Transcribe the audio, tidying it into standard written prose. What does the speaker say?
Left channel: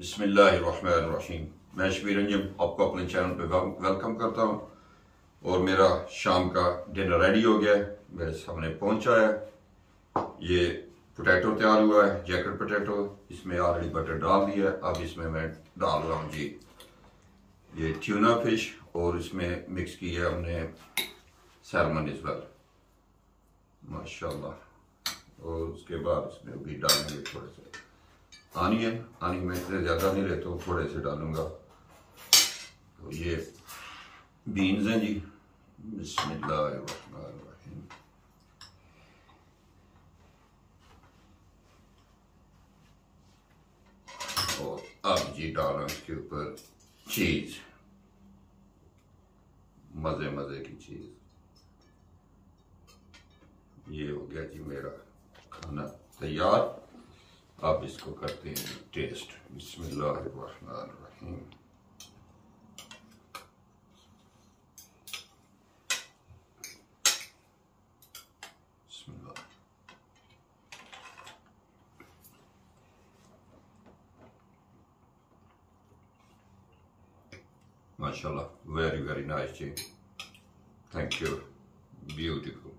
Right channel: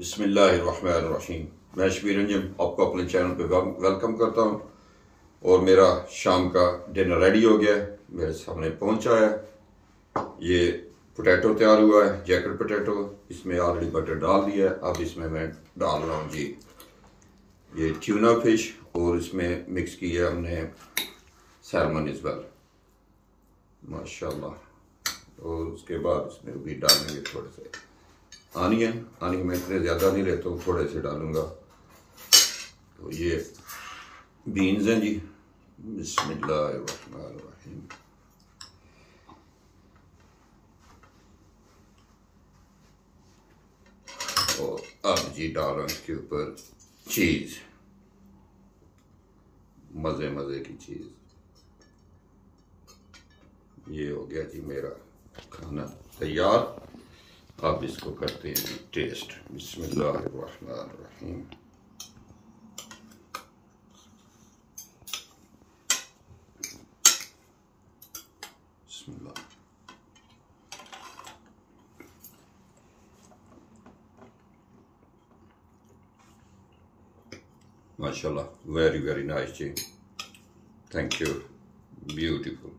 बिस्मिल्लाहिर्रहमानिर्रहीम। मैं शबीर अंजुम आपको अपने चैनल पे वेलकम करता हूँ। और मेरा शाम का डिनर रेडी हो गया है, मेरे सामने पहुंचा है। ये पोटैटो तैयार हुआ है, जैकेट पोटैटो। इसमें ऑलरेडी बटर डाल दिया है। अब इसमें मैं डाल रहा हूँ जी ये ट्यूना फिश, और इसमें मिक्स किया हमने सैल्मन इस वेल, माशाल्लाह। और उसके बाद उसमें भी डालेंगे थोड़े से आनियन मैं इतने ज़्यादा नहीं लेता हूँ, थोड़े से डालूंगा। तो ये बीन्स हैं जी, बिस्मिल्लाहिर्रहमानिर्रहीम। और अब जी डाल रहा हूँ इसके ऊपर चीज़, मज़े मज़े की चीज़। ये हो गया जी मेरा खाना तैयार। अब इसको करते हैं जी टेस्ट। बिस्मिल्लाहिर्रहमानिर्रहीम। बिस्मिल्लाह। माशाल्लाह, वेरी नाइस जी, थैंक यू, ब्यूटीफुल।